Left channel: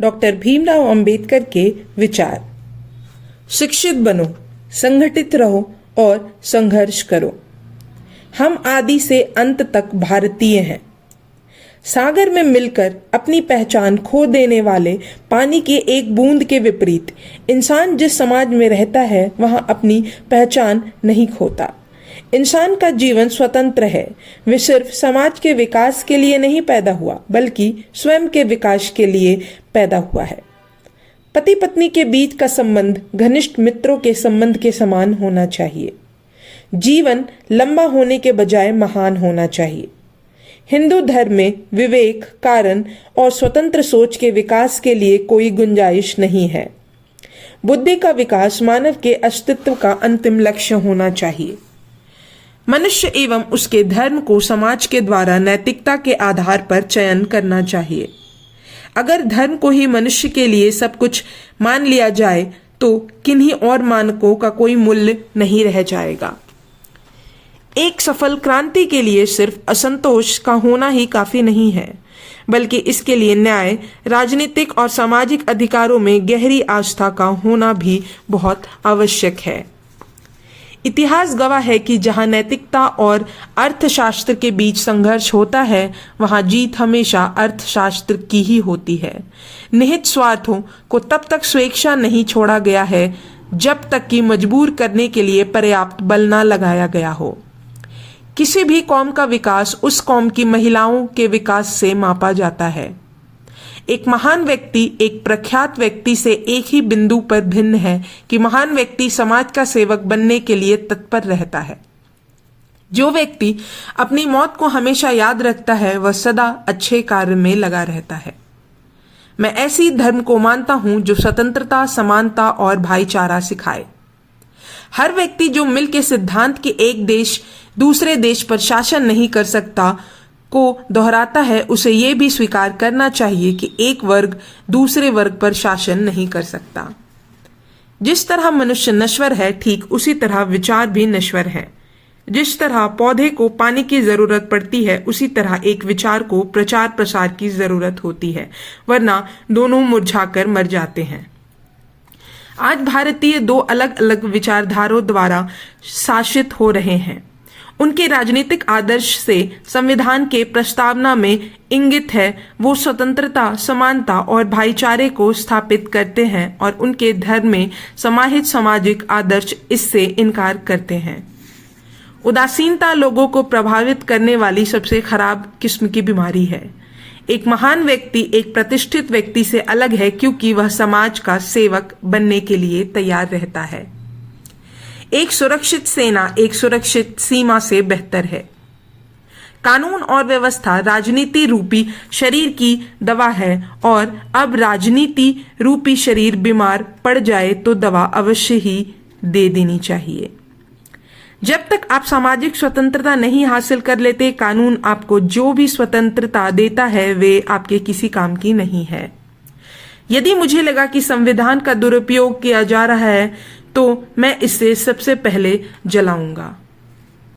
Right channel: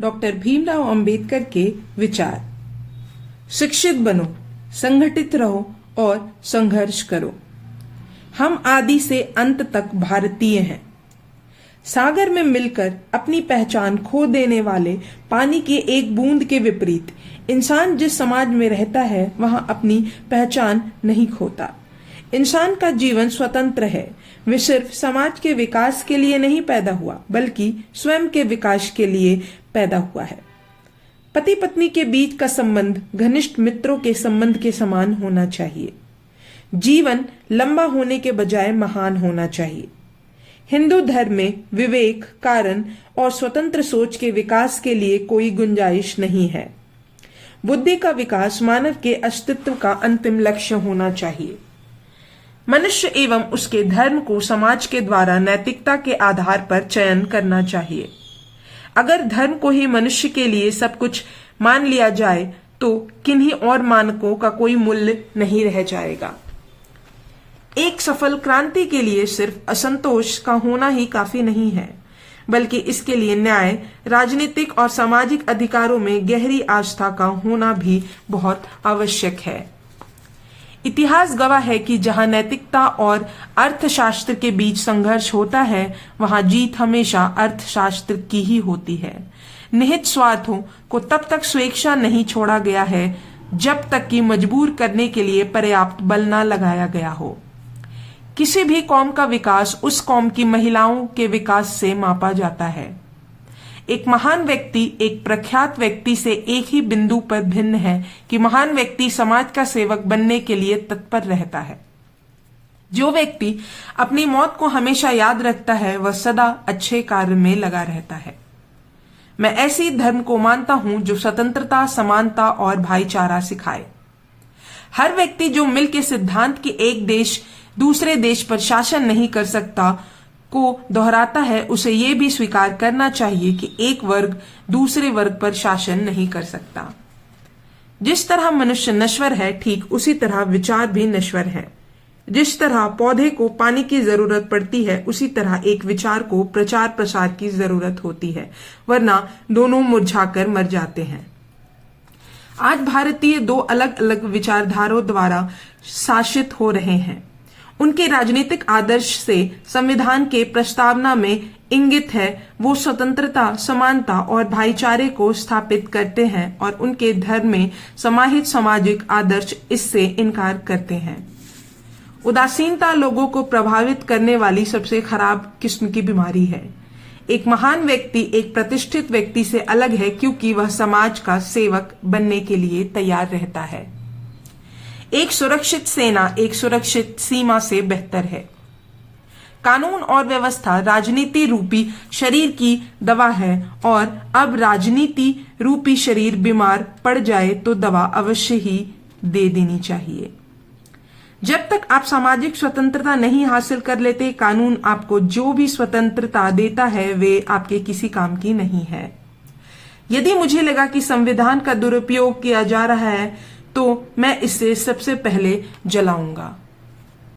Doctor Bhimrao Ambedkar के विचार। शिक्षित बनो, संगठित रहो और संघर्ष करो। हम आदि से अंत तक भारतीय हैं। सागर में मिलकर अपनी पहचान खो देने वाले पानी की एक बूंद के विपरीत इंसान जिस समाज में रहता है वहां अपनी पहचान नहीं खोता। इंसान का जीवन स्वतंत्र है। वे सिर्फ समाज के विकास के लिए नहीं पैदा हुआ बल्कि स्वयं के विकास के लिए पैदा हुआ है। पति पत्नी के बीच का संबंध घनिष्ठ मित्रों के संबंध के समान होना चाहिए। जीवन लंबा होने के बजाय महान होना चाहिए। हिंदू धर्म में विवेक, कारण और स्वतंत्र सोच के विकास के लिए कोई गुंजाइश नहीं है। बुद्धि का विकास मानव के अस्तित्व का अंतिम लक्ष्य होना चाहिए। मनुष्य एवं उसके धर्म को समाज के द्वारा नैतिकता के आधार पर चयन करना चाहिए। अगर धर्म को ही मनुष्य के लिए सब कुछ मान लिया जाए तो किन्हीं और मानकों का कोई मूल्य नहीं रह जाएगा। एक सफल क्रांति के लिए सिर्फ असंतोष का होना ही काफी नहीं है, बल्कि इसके लिए न्याय, राजनीतिक और सामाजिक अधिकारों में गहरी आस्था का होना भी बहुत आवश्यक है। इतिहास गवाह है कि जहां नैतिकता और अर्थशास्त्र के बीच संघर्ष होता है वहां जीत हमेशा अर्थशास्त्र की ही होती है। निहित स्वार्थों को तब तक स्वेच्छा नहीं छोड़ा गया है जब तक कि मजबूर करने के लिए पर्याप्त बल न लगाया गया हो। किसी भी कौम का विकास उस कौम की महिलाओं के विकास से मापा जाता है। एक महान व्यक्ति एक प्रख्यात व्यक्ति से एक ही बिंदु पर भिन्न है कि महान व्यक्ति समाज का सेवक बनने के लिए तत्पर रहता है। जो व्यक्ति अपनी मौत को हमेशा याद रखता है वह सदा अच्छे कार्य में लगा रहता है। मैं ऐसी धर्म को मानता हूं जो स्वतंत्रता, समानता और भाईचारा सिखाए। हर व्यक्ति जो मिल के सिद्धांत कि एक देश दूसरे देश पर शासन नहीं कर सकता को दोहराता है, उसे यह भी स्वीकार करना चाहिए कि एक वर्ग दूसरे वर्ग पर शासन नहीं कर सकता। जिस तरह मनुष्य नश्वर है ठीक उसी तरह विचार भी नश्वर है। जिस तरह पौधे को पानी की जरूरत पड़ती है उसी तरह एक विचार को प्रचार प्रसार की जरूरत होती है, वरना दोनों मुरझाकर मर जाते हैं। आज भारतीय दो अलग अलग विचारधाराओं द्वारा शासित हो रहे हैं। उनके राजनीतिक आदर्श से संविधान के प्रस्तावना में इंगित है वो स्वतंत्रता, समानता और भाईचारे को स्थापित करते हैं और उनके धर्म में समाहित सामाजिक आदर्श इससे इनकार करते हैं। उदासीनता लोगों को प्रभावित करने वाली सबसे खराब किस्म की बीमारी है। एक महान व्यक्ति एक प्रतिष्ठित व्यक्ति से अलग है क्योंकि वह समाज का सेवक बनने के लिए तैयार रहता है। एक सुरक्षित सेना एक सुरक्षित सीमा से बेहतर है। कानून और व्यवस्था राजनीति रूपी शरीर की दवा है और अब राजनीति रूपी शरीर बीमार पड़ जाए तो दवा अवश्य ही दे देनी चाहिए। जब तक आप सामाजिक स्वतंत्रता नहीं हासिल कर लेते, कानून आपको जो भी स्वतंत्रता देता है वे आपके किसी काम की नहीं है। यदि मुझे लगा कि संविधान का दुरुपयोग किया जा रहा है तो मैं इसे सबसे पहले जलाऊंगा।